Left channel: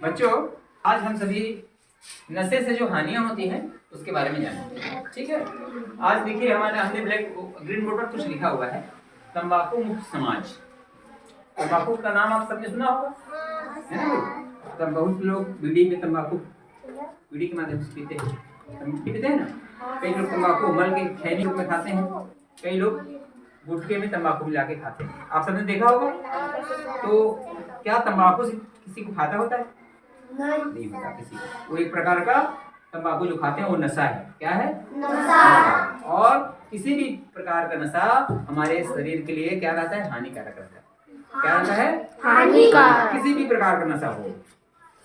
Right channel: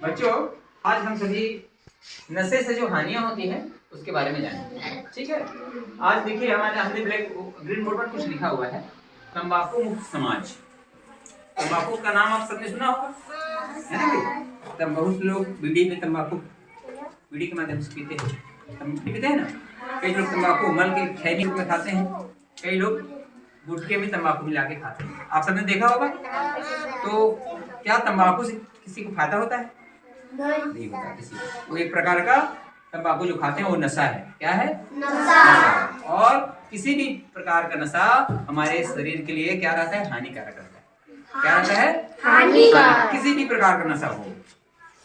बच्चों, आज हम सभी नशे से जो हानियां होती हैं उसके बारे में जानेंगे। ठीक है, आज देखिए हमने ग्रीन बोर्ड पर कुछ लिखा हुआ है, तंबाकू मुक्त समाज। तंबाकू का नाम आप सबने सुना होगा, है ना भाई? तब बहुत लोग बीड़ी के माध्यम से पीते हैं ना। कई लोग तंबाकू मल के खैनी में खाते हैं, कई लोग गुटखे में तंबाकू मिला के खाते हैं। आप सबने देखा होगा। तो क्या तंबाकू से किसी को फायदा होता है? नहीं होता किसी को। वो एक प्रकार का तंबाकू जो खाते हैं वो नशा है। क्या है? नशा। और किसी भी प्रकार का नशा हमारे शरीर के लिए क्या रहता है? हानिकारक रहता है। क्या रहता है? हानिकारक। किसी भी प्रकार का नशा हो।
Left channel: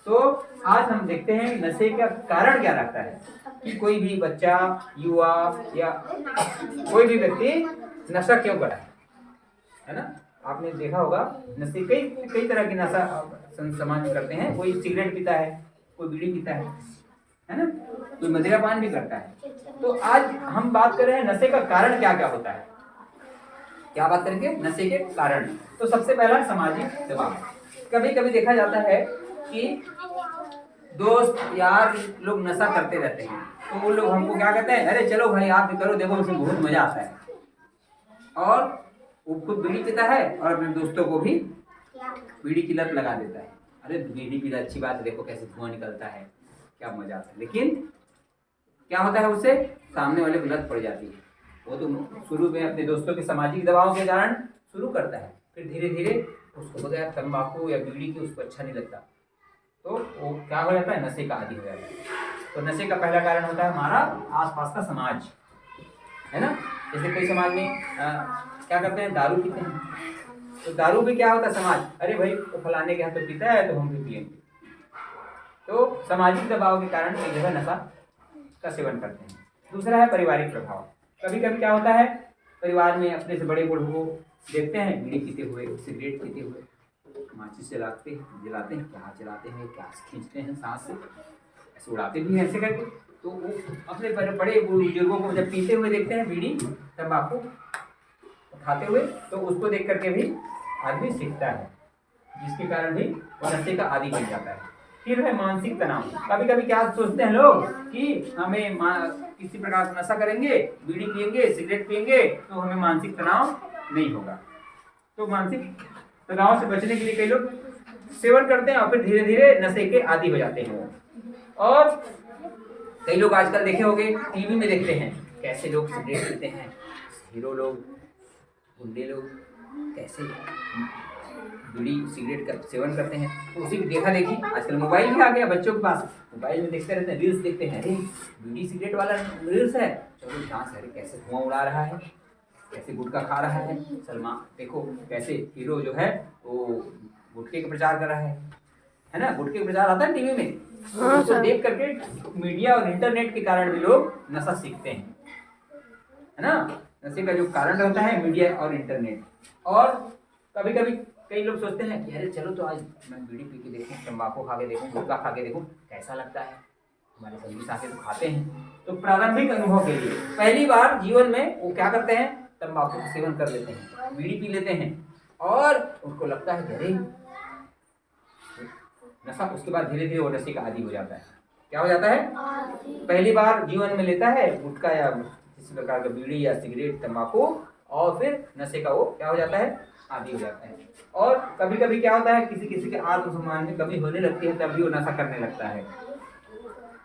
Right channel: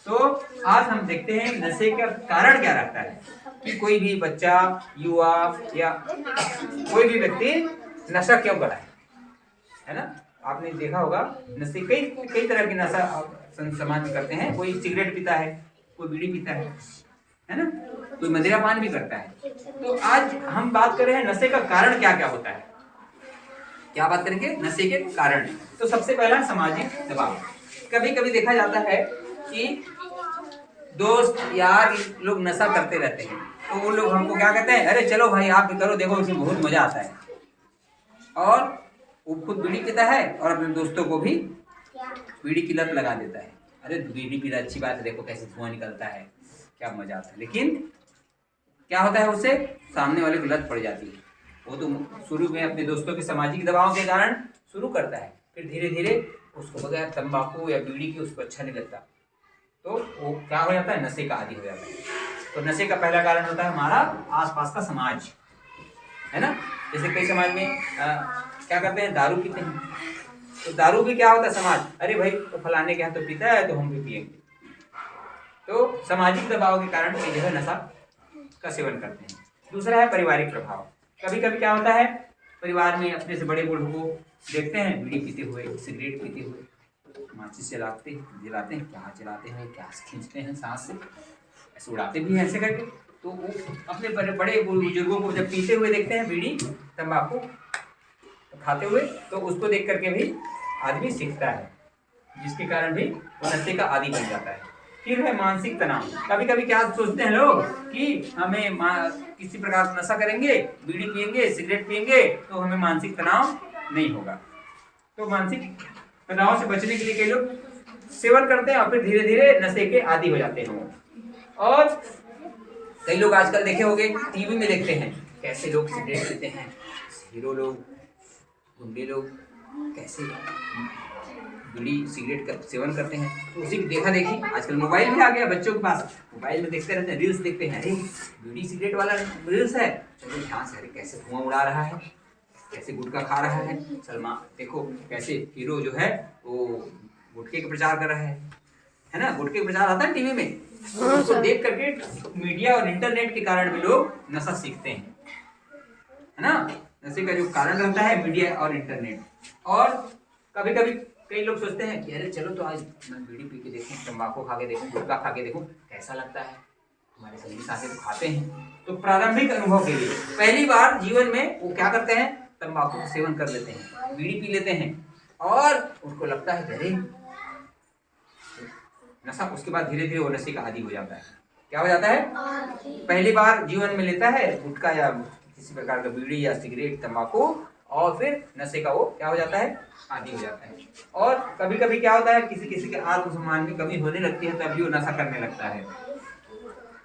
तो आज हम देखते हैं नशे का कारण क्या रहता है कि कोई भी बच्चा, युवा या कोई भी व्यक्ति नशा क्यों करा है ना। आपने देखा होगा नशे कई कई तरह के नशा समाज में करते हैं। कोई सिगरेट पीता है, कोई बीड़ी पीता है ना, कोई मदिरा पान भी करता है। तो आज हम बात कर रहे हैं नशे का कारण क्या क्या होता है। क्या बात करेंगे? नशे के कारण। तो सबसे पहला सामाजिक दबाव। कभी कभी देखा जाता है कि दोस्त यार लोग नशा करते रहते हैं, तो वो लोग हमको क्या कहते हैं, अरे चलो भाई आप भी करो, देखो उसमें बहुत मजा आता है। और वो खुद बीड़ी पीता है और अपने दोस्तों को भी बीड़ी की लत लगा देता है। अरे बीड़ी पीना अच्छी बात है, देखो कैसे धुआं निकलता है, क्या मजा आता है। लेकिन क्या होता है, उससे सामने वाले को लत पड़ जाती है। वो तो शुरू में अपने दोस्तों के सामाजिक दबाव के कारण शुरू करता है, फिर धीरे धीरे उसको बगैर तंबाकू या बीड़ी की उसको अच्छा नहीं लगता, तो वो क्या हो जाता है, नशे का आदी हो जाता है। तो नशे का पहला कारण होता है हमारा आसपास का समाज, है ना। जैसे कई समाज में क्या करते हैं, दारू पीते हैं। तो दारू भी क्या होता है, समाज, अरे भाई वो फलाने के यहाँ तो पीता है तो हम भी पिएंगे। तो सामाजिक दबाव के कारण जो है नशा का सेवन करते हैं। दूसरा है पारिवारिक प्रभाव। कभी कभी क्या होता है, परिवार में अपने से बड़े बूढ़ों को देखते हैं बीड़ी पीते हुए, सिगरेट पीते हुए, माचिस जलाते हैं, क्या जलाते हैं, क्या खींचते हैं सांस से, ऐसे उड़ाते भी हैं ऐसे करके। तो वो अपने बड़े बुजुर्गों को जब पीते हुए देखते हैं बीड़ी तंबाकू खाते हुए, तो उसको देख करके भी आदमी सीखता है, जिसके कारण भी वो नशे का आदी बन जाता है। फिर है मानसिक तनाव। कभी कभी क्या सोचते हैं लोग कि हमें किसी प्रकार का नशा करेंगे, बीड़ी पिएंगे, सिगरेट पिएंगे तो हमें मानसिक तनाव नहीं होगा। तो मानसिक तनाव से बचने के लिए कई लोग सेवन करते हैं और फिर धीरे धीरे नशे के आदी हो जाते हैं। और कई लोग आजकल देखे होंगे, टीवी में देखते हैं कैसे लोग सिगरेट पीते हैं, हीरो लोग, गुंडे लोग कैसे बीड़ी सिगरेट का सेवन करते हैं। तो उसी की देखा देखी आजकल मोबाइल भी आ गया बच्चों के पास, मोबाइल में देखते रहते हैं, रील्स देखते हैं, अरे बीड़ी सिगरेट वाला रील्स है, चलो ध्यान से, अरे कैसे धुआं उड़ा रहा है, कैसे गुटखा खा रहा है, सलमान देखो कैसे हीरो जो है वो गुटखे का प्रचार कर रहा है ना। गुटखे का प्रचार आता है टीवी में, उसको देख करके मीडिया और इंटरनेट के कारण भी लोग नशा सीखते हैं, है ना। नशे का जो कारण रहता है मीडिया और इंटरनेट। और कभी कभी कई लोग सोचते हैं कि अरे चलो तो आज मैं बीड़ी पी के देखूं, तंबाकू खा के देखूं, गुटखा खा के देखूं कैसा लगता है, हमारे संगी साथी तो खाते हैं। तो प्रारंभिक अनुभव के लिए पहली बार जीवन में वो क्या करते हैं, तंबाकू का सेवन कर लेते हैं, बीड़ी पी लेते हैं और उनको लगता है अरे नशा। उसके बाद धीरे धीरे वो नशे का आदी हो जाता है। क्या हो जाता है, पहली बार जीवन में लेता है गुटखा या किसी प्रकार का बीड़ी या सिगरेट तंबाकू, और फिर नशे का वो क्या हो जाता है, आदी हो जाता है। और कभी कभी क्या होता है, किसी किसी के आत्मसम्मान की कमी होने लगती है, तब भी वो नशा करने लगता है।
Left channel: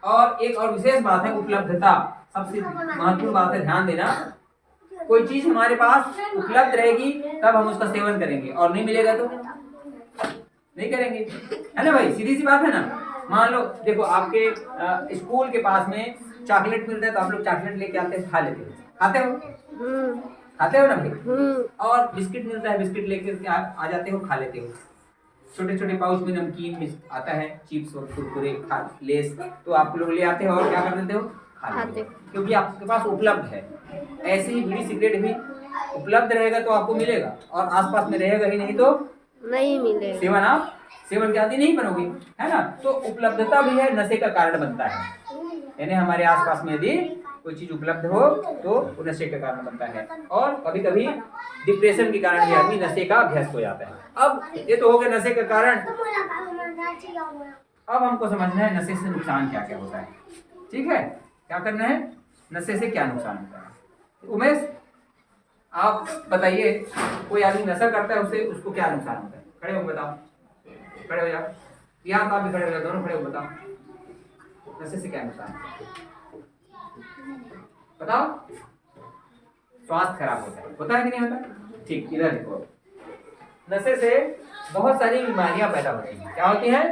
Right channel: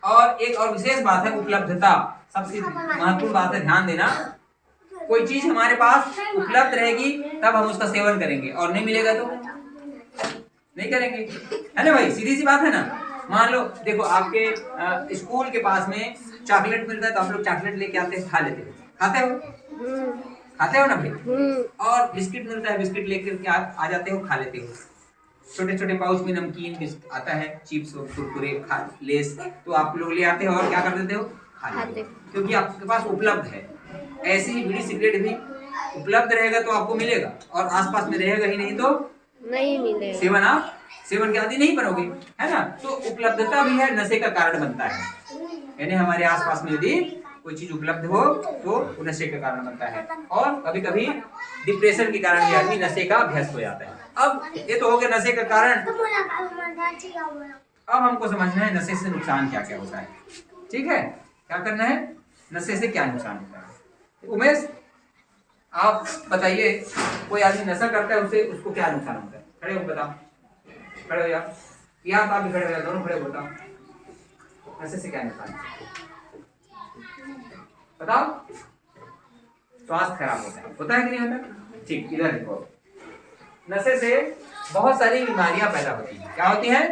और एक और विशेष बात है उपलब्धता, सबसे महत्वपूर्ण बात है, ध्यान देना। कोई चीज हमारे पास उपलब्ध रहेगी तब हम उसका सेवन करेंगे, और नहीं मिलेगा तो नहीं करेंगे, है ना भाई, सीधी सी बात है ना। मान लो देखो आपके स्कूल के पास में चॉकलेट मिलता है तो आप लोग चॉकलेट लेके आते हैं, खा लेते हो, खाते हो ना भाई। और बिस्किट मिलता है, बिस्किट लेकर आ जाते हो, खा लेते हो। छोटे छोटे पाउच में नमकीन आता है, चिप्स और कुरकुरे, लेस, तो आप लोग ले आते हो और क्या कर देते हो, खा लेते हो, क्योंकि आपके पास उपलब्ध है। ऐसे ही बीड़ी सिगरेट भी उपलब्ध रहेगा तो आपको मिलेगा, और आसपास में रहेगा ही नहीं तो नहीं मिलेगा, आप सेवन के आदि नहीं बनोगे, है ना। तो उपलब्धता भी है नशे का कारण बनता है, यानी हमारे आसपास में यदि कोई चीज उपलब्ध हो तो वो नशे का कारण बनता है। और कभी कभी डिप्रेशन के कारण भी आदमी नशे का अभ्यस्त हो जाता है। अब ये तो हो गया नशे का कारण। अब हमको समझना है नशे से नुकसान क्या क्या होता है। ठीक है, क्या करना है, नशे से क्या नुकसान होता है। उमेश आप बताइए, कोई आदमी नशा करता है उसे उसको क्या नुकसान होता है? खड़े हो बताओ, खड़े हो यार, आप भी खड़े हो यार, दोनों खड़े हो बताओ, नशे से क्या नुकसान बताओ। स्वास्थ्य खराब होता है कि नहीं होता? ठीक, इधर देखो, नशे से बहुत सारी बीमारियां पैदा होती हैं। क्या होती हैं?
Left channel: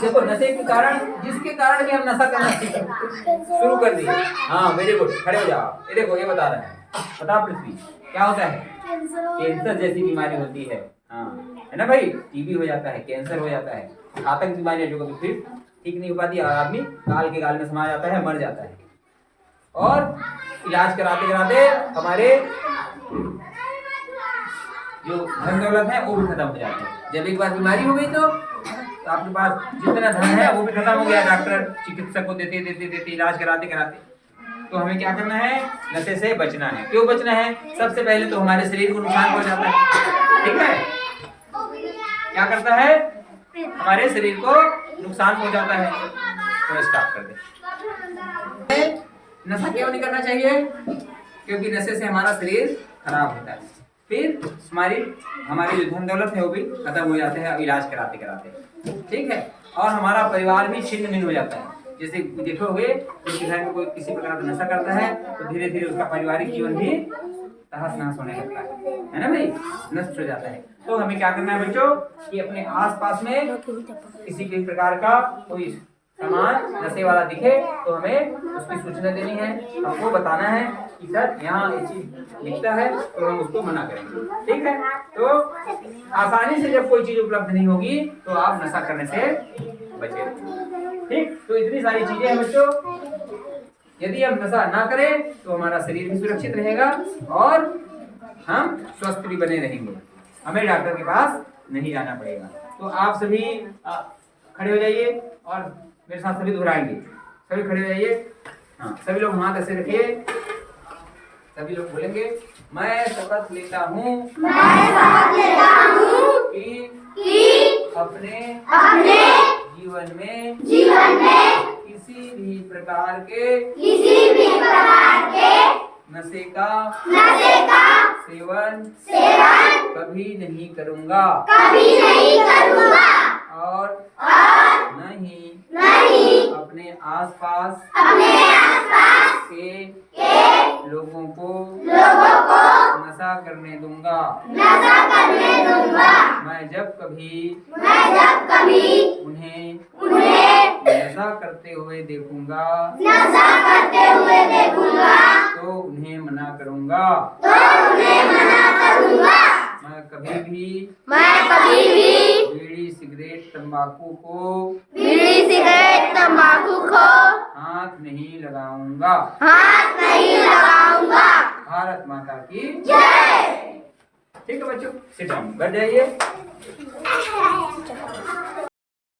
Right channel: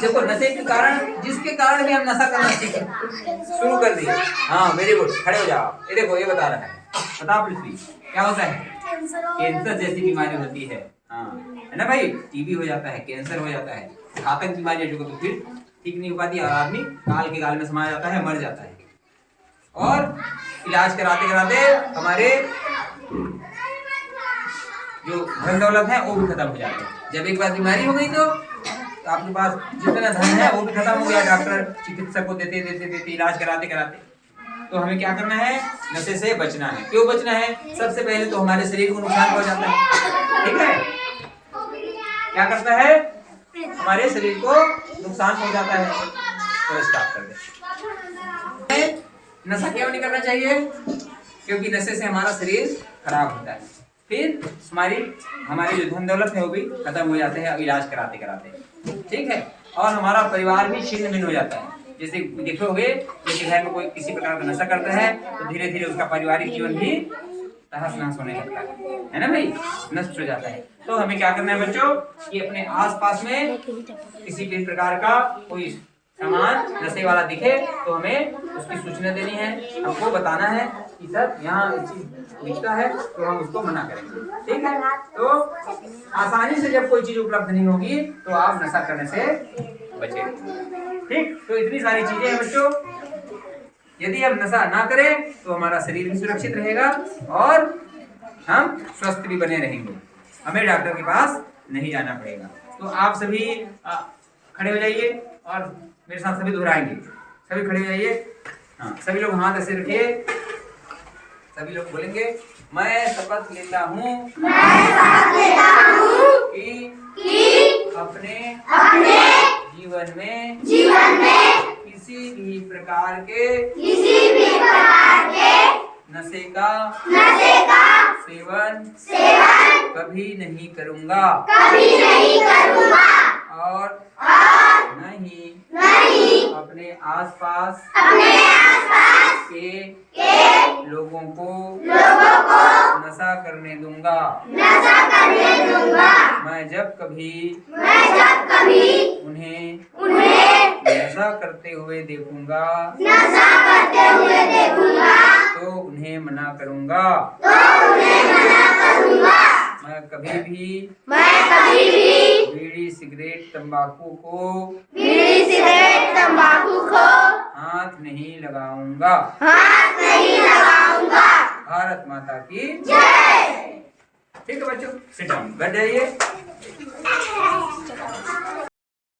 देखो, नशे के कारण, जिसके कारण भी हम नशा करना शुरू कर दिए। हाँ वेरी गुड, खड़े हो जाओ। ये देखो, ये बता रहा है, बता पृथ्वी, क्या होता है? कैंसर जैसी बीमारी होती है। हाँ है ना भाई, टीबी हो जाता है, कैंसर हो जाता है, घातक बीमारियां जो कभी फिर ठीक नहीं हो पाती और आदमी काल के गाल में समा जाता है, मर जाता है। और इलाज कराते कराते हमारे जो धन दौलत है वो भी खत्म हो जाता है। जब एक बार बीमारी हो गई तो आपके पास जितना धन है वो भी खत्म हो गया, डॉक्टर चिकित्सक को देते देते देते इलाज कराते कराते। तो हमें क्या करना है? नशे से बचना है। क्यों बचना है? सबसे पहले तो हमारे शरीर को नुकसान हो जाता है। ठीक है, क्या करता है? हमारे शरीर को नुकसान हो जाता है। थोड़ा स्टॉप कर दे। नशा क्यों नहीं करना चाहिए? क्योंकि नशे से हमारा शरीर खराब होता है, फिर हमारी जो धन दौलत है वो भी खत्म हो जाते हैं इलाज कराते कराते। ठीक है, और हमारा परिवार भी छिन्न भिन्न हो जाता है। जैसे देखोगे, किसी घर में कोई किसी प्रकार का नशा करता है तो धीरे धीरे उसका पारिवारिक जीवन भी तहस नहस होने लगता है ना भाई, नष्ट हो जाता है। तो हमें क्या करना है बच्चों, कि अपने आसपास में किसी भी प्रकार का कोई सामान नशे वाला दिखे तो हमें उसकी सूचना देनी है, हमको बताना है कि सर यहाँ ये चीज दिखता है, तो हम उसको मना करेंगे। ठीक है, तो आसानी से जब कोई चीज उपलब्ध नहीं होगी तो आप नशा करने से बचे। ठीक, तो इतनी सारी चीजें हैं बच्चों, यदि हम नशा ना करें तो हमारा शरीर भी सुरक्षित रहेगा और हम स्वस्थ भी बने रहेंगे, हमें डॉक्टर के पास नहीं जाना पड़ेगा। तो आप सभी खड़े हो जाइए और मेरे साथ सभी दोहराएंगे। सभी खड़े हो जाइए। हाँ, सभी लोग हाथ ऐसे रखिए, सभी लोग बोलेंगे, मैं शपथ लेता हूँ कि अपने जीवन में किसी भी प्रकार के नशे का सेवन कभी नहीं करूँगा और नहीं अपने आसपास के लोगों को नशा करने दूंगा। मैं जब कभी उन्हें नशा करते हुए देखूंगा तो उन्हें मना करूंगा। मैं कभी भी बीड़ी सिगरेट तंबाकू को हाथ नहीं लगाऊंगा। भारत माता की जय। ठीक है बच्चों, सिट डाउन, बैठ जाइए।